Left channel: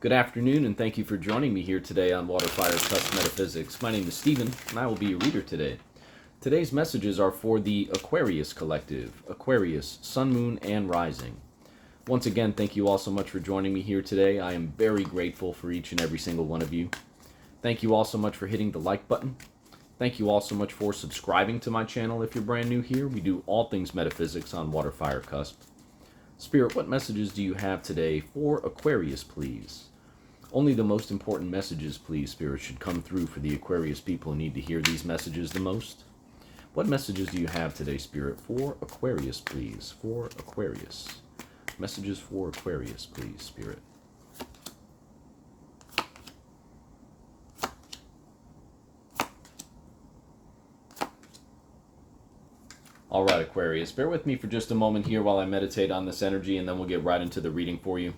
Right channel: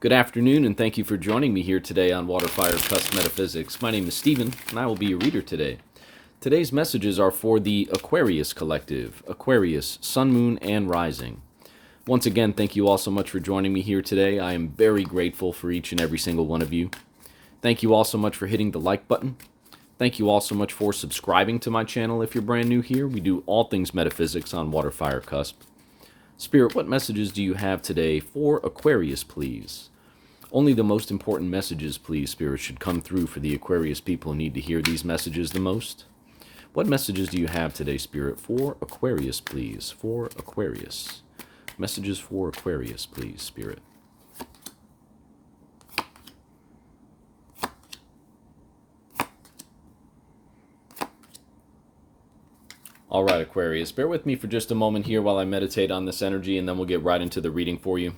Good afternoon, and thank you for joining me here today on WaterFireCusp Metaphysics. My name is Stephen, and I will be your reader today. Today's messages are for the Aquarius Collective, Aquarius, Sun, Moon, and Rising. Once again, thank you all so much for joining me here today. I am very grateful for each and every single one of you. Thank you all so much for hitting the like button. Thank you all so much for subscribing to my channel if you're brand new here. We do all things metaphysics on WaterFireCusp. Spirit, what messages do you have today for Aquarius, please? Only the most important messages, please, Spirit, should come through for the Aquarius people who need to hear these messages the most. What messages do you have today, Spirit, for Aquarius, please? For Aquarius. Messages for Aquarius, please, Spirit. All right, Aquarius, bear with me for just a moment here while I meditate on this energy, and then we'll get right into the reading for you.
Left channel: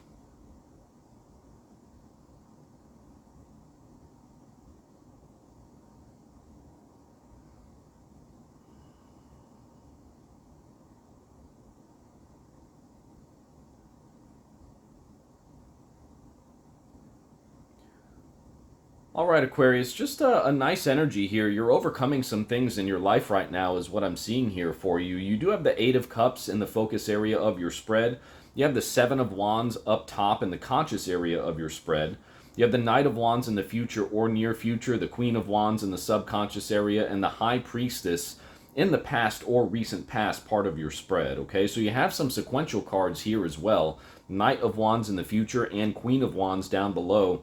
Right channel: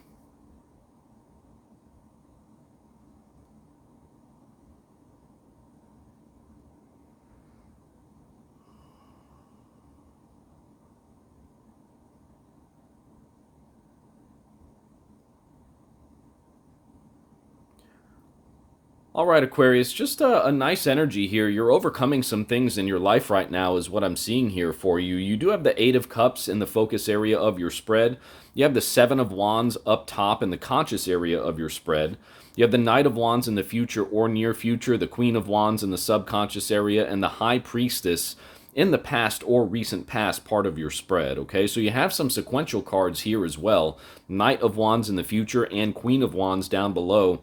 All right, Aquarius, just a nice energy here. You're overcoming some things in your life right now is what I'm seeing here for you. You do have the Eight of Cups in the focus area of your spread. You have the Seven of Wands up top in the conscious area of your spread. You have the Knight of Wands in the future or near future, the Queen of Wands in the subconscious area, and the High Priestess in the past or recent past part of your spread, okay? So you have some sequential cards here as well. Knight of Wands in the future and Queen of Wands down below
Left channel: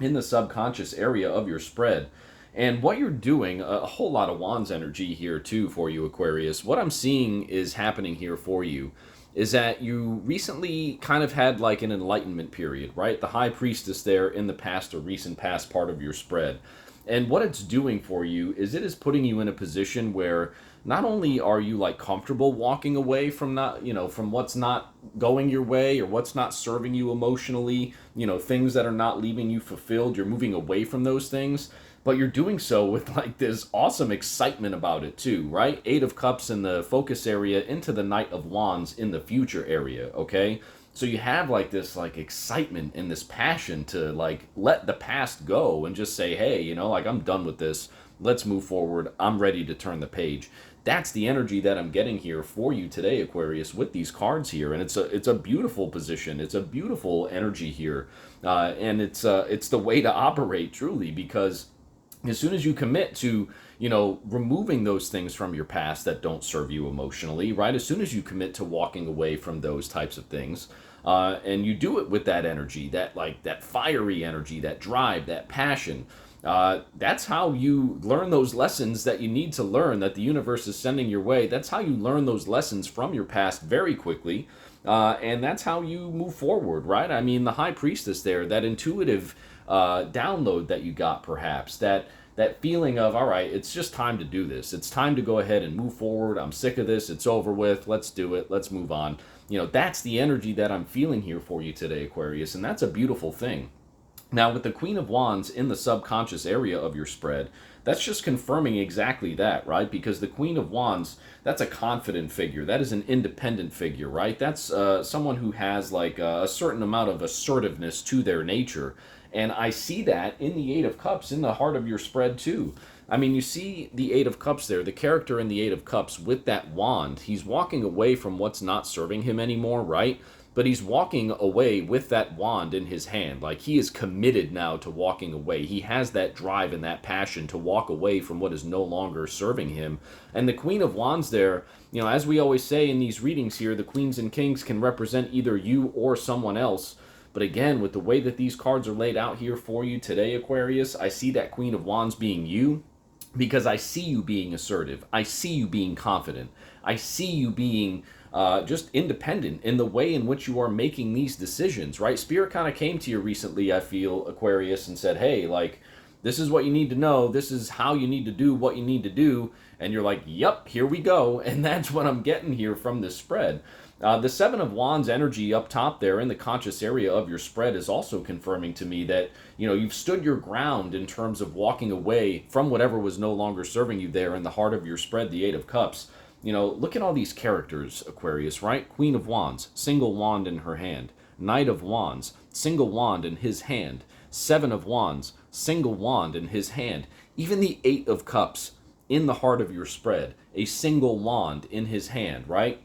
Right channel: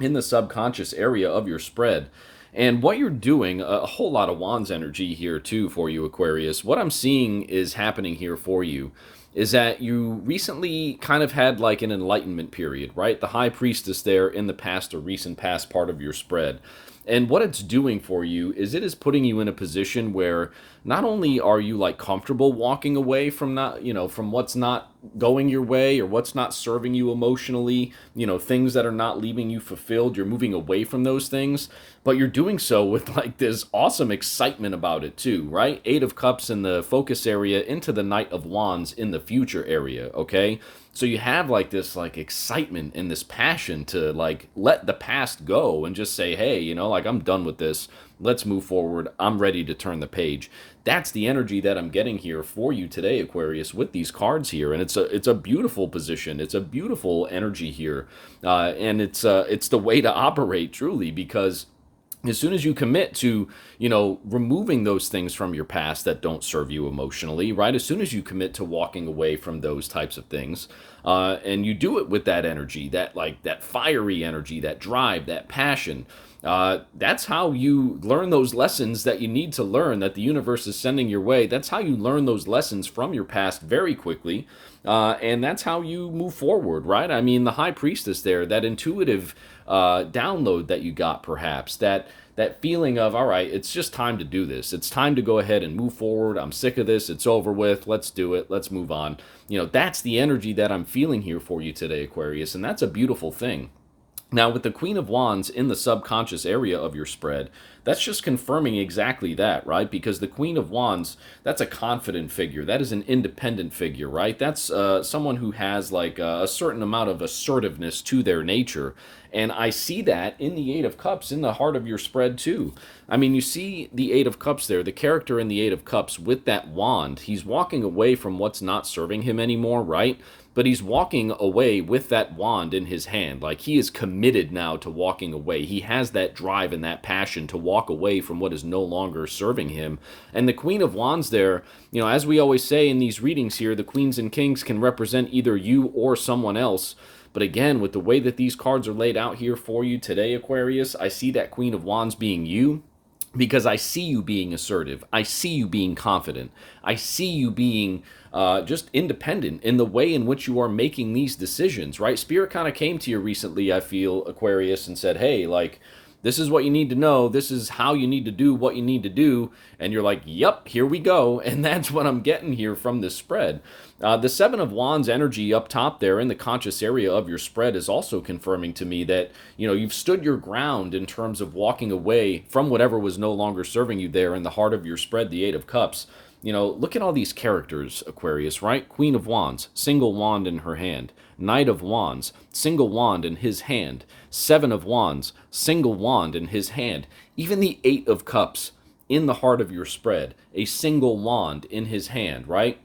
in the subconscious area of your spread. And what you're doing, a whole lot of Wands energy here too for you, Aquarius. What I'm seeing is happening here for you is that you recently kind of had like an enlightenment period, right? The High Priestess there in the past or recent past part of your spread. And what it's doing for you is it is putting you in a position where not only are you like comfortable walking away from not, from what's not going your way or what's not serving you emotionally, things that are not leaving you fulfilled, you're moving away from those things, but you're doing so with like this awesome excitement about it too, right? Eight of Cups in the focus area into the Knight of Wands in the future area, okay? So you have like this like excitement and this passion to like let the past go and just say, hey, like I'm done with this. Let's move forward. I'm ready to turn the page. That's the energy that I'm getting here for you today, Aquarius, with these cards here, and it's a beautiful position. It's a beautiful energy here, and it's the way to operate truly, because as soon as you commit to, removing those things from your past that don't serve you emotionally, right? As soon as you commit to walking away from those types of things, and you do it with that energy, that fiery energy, that drive, that passion, that's how you learn those lessons that you need to learn, that the universe is sending your way. That's how you learn those lessons from your past very quickly. And that's how you move forward, right? I mean, the High Priestess there, that intuitive download that you got, perhaps, that feeling of, all right, it's just time to do this. It's time to go ahead and move forward. I'm sick of this. It's over with. Let's do it. Let's move on. That's the energy that I'm feeling here for you today, Aquarius, and that's a beautiful thing. Now, with the Queen of Wands in the subconscious area of your spread, that's just confirming exactly that, right? Because the Queen of Wands, that's a confident figure. That is an independent figure, right? That's someone who has like a certain amount of assertiveness to their nature. And I see that in the Eight of Cups in the heart of your spread too. I mean, you see the Eight of Cups there, the character in the Eight of Cups with that wand. He's walking away from what's not serving him anymore, right? But he's walking away with that wand in his hand. Like, he is committed now to walking away. He has that drive and that passion to walk away from what is no longer serving him. And the Queen of Wands there, as we always say in these readings here, the Queens and Kings can represent either you or someone else. But again, with the way that these cards are laid out here for you today, Aquarius, I see that Queen of Wands being you, because I see you being assertive. I see you being confident. I see you being just independent in the way in which you are making these decisions, right? Spirit kind of came to you recently, I feel, Aquarius, and said, hey, like, this is what you need to know. This is how you need to do what you need to do. And you're like, yep, here we go. And that's what I'm getting here from this spread. The Seven of Wands energy up top there in the conscious area of your spread is also confirming to me that, you've stood your ground in terms of walking away from whatever was no longer serving you there in the heart of your spread, the Eight of Cups. Look at all these characters, Aquarius, right? Queen of Wands, single wand in her hand. Knight of Wands, single wand in his hand. Seven of Wands, single wand in his hand. Even the Eight of Cups in the heart of your spread, a single wand in his hand, right?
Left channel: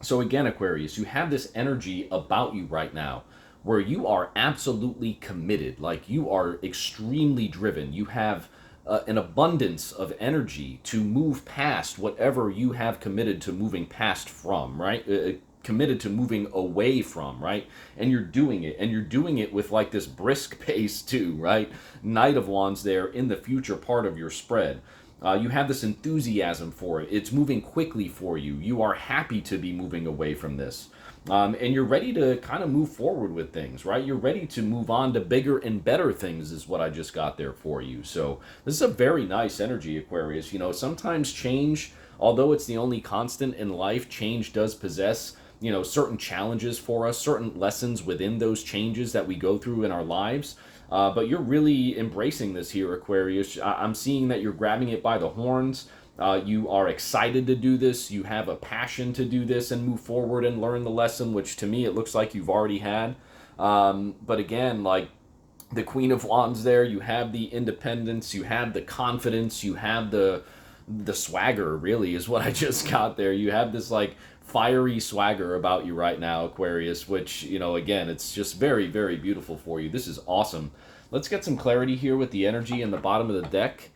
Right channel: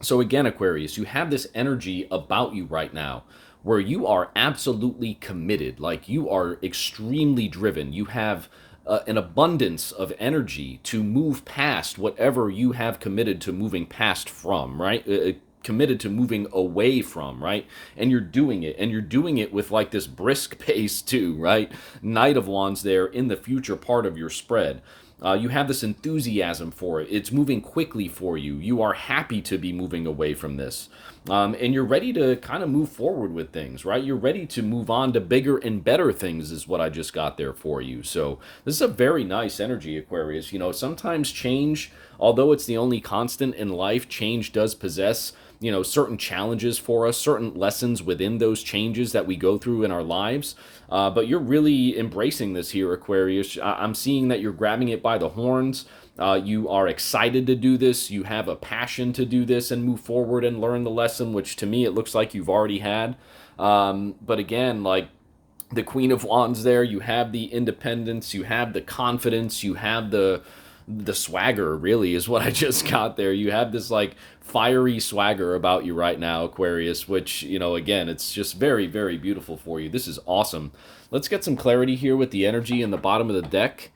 So again, Aquarius, you have this energy about you right now where you are absolutely committed, like you are extremely driven. You have an abundance of energy to move past whatever you have committed to moving past from, right? Committed to moving away from, right? And you're doing it, and you're doing it with like this brisk pace too, right? Knight of Wands there in the future part of your spread. You have this enthusiasm for it. It's moving quickly for you. You are happy to be moving away from this. And you're ready to kind of move forward with things, right? You're ready to move on to bigger and better things, is what I just got there for you. So, this is a very nice energy, Aquarius. Sometimes change, although it's the only constant in life, change does possess certain challenges for us, certain lessons within those changes that we go through in our lives. But you're really embracing this here, Aquarius. I'm seeing that you're grabbing it by the horns. You are excited to do this. You have a passion to do this and move forward and learn the lesson, which to me it looks like you've already had. But again, like the Queen of Wands there, you have the independence, you have the confidence, you have the swagger, really, is what I just got there. You have this like fiery swagger about you right now, Aquarius, which, again, it's just very, very beautiful for you. This is awesome. Let's get some clarity here with the energy in the bottom of the deck.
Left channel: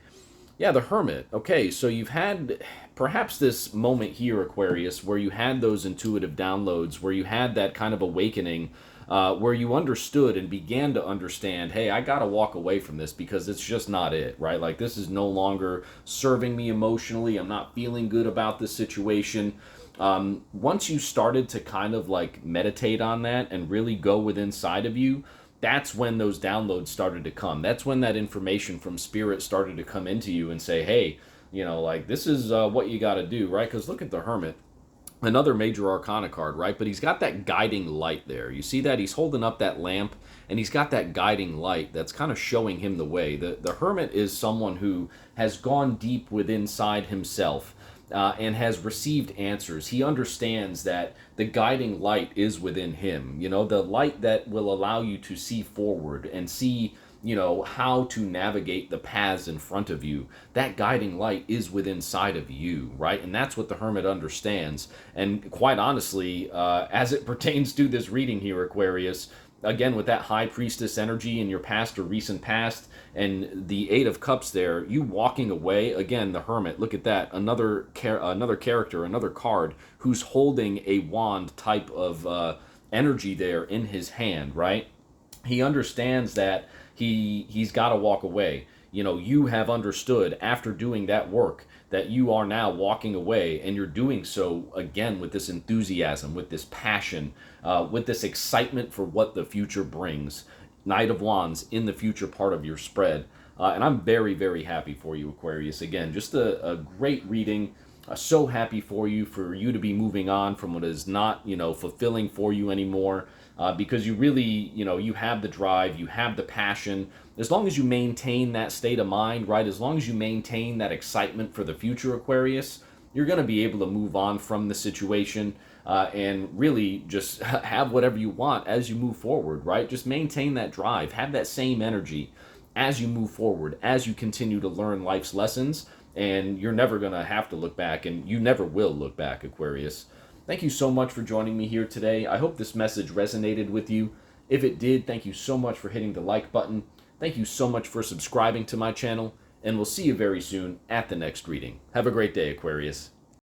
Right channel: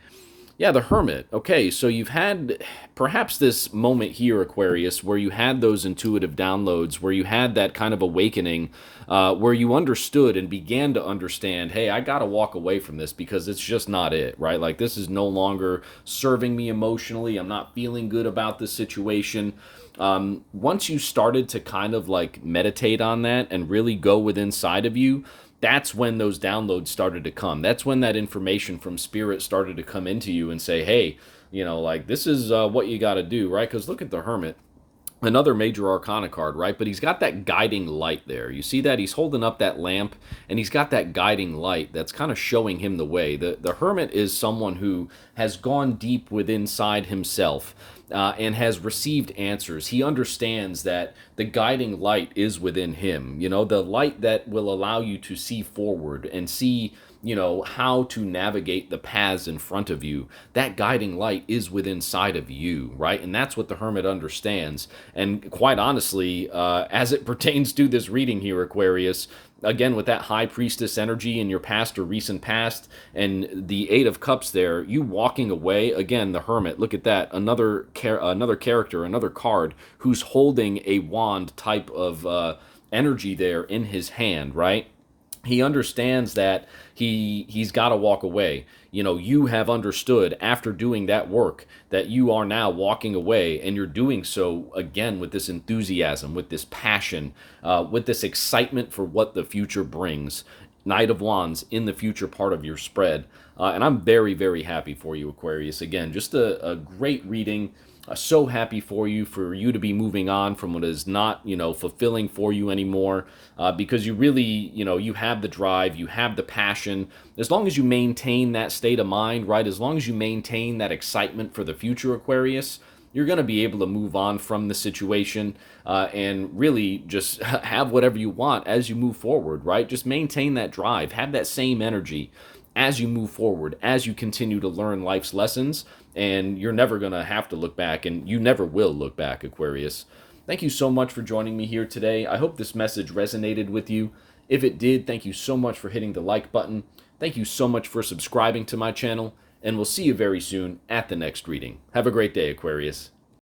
Yeah, the Hermit. Okay, so you've had perhaps this moment here, Aquarius, where you had those intuitive downloads, where you had that kind of awakening, where you understood and began to understand, hey, I got to walk away from this because it's just not it, right? Like, this is no longer serving me emotionally. I'm not feeling good about this situation. Once you started to kind of like meditate on that and really go within inside of you, that's when those downloads started to come. That's when that information from spirit started to come into you and say, hey, like this is what you got to do, right? Because look at the Hermit, another major arcana card, right? But he's got that guiding light there. You see that? He's holding up that lamp and he's got that guiding light that's kind of showing him the way. The Hermit is someone who has gone deep within inside himself. And has received answers. He understands that the guiding light is within him. The light that will allow you to see forward and see, how to navigate the paths in front of you. That guiding light is within inside of you, right? And that's what the Hermit understands. And quite honestly, as it pertains to this reading here, Aquarius, again, with that High Priestess energy in your past or recent past, and the Eight of Cups there, you walking away, again, the Hermit, look at that, another character, another card, who's holding a wand type of energy there in his hand, right? He understands that he's got to walk away. You have understood after doing that work that you are now walking away, and you're doing so again with this enthusiasm, with this passion, with this excitement for what the future brings. Knight of Wands in the future part of your spread. And I'm very, very happy for you, Aquarius. Again, just a great reading. So happy for you to be moving on from what is not, fulfilling for you anymore, because you really, you have the drive, you have the passion. As long as you maintain that state of mind, right? As long as you maintain that excitement for the future, Aquarius, you're going to be able to move on from the situation and really just have whatever you want as you move forward, right? Just maintain that drive, have that same energy as you move forward, as you continue to learn life's lessons, and you're never going to have to look back, and you never will look back, Aquarius. Thank you so much for joining me here today. I hope this message resonated with you. If it did, thank you so much for hitting the like button. Thank you so much for subscribing to my channel, and we'll see you very soon at the next reading. Have a great day, Aquarius.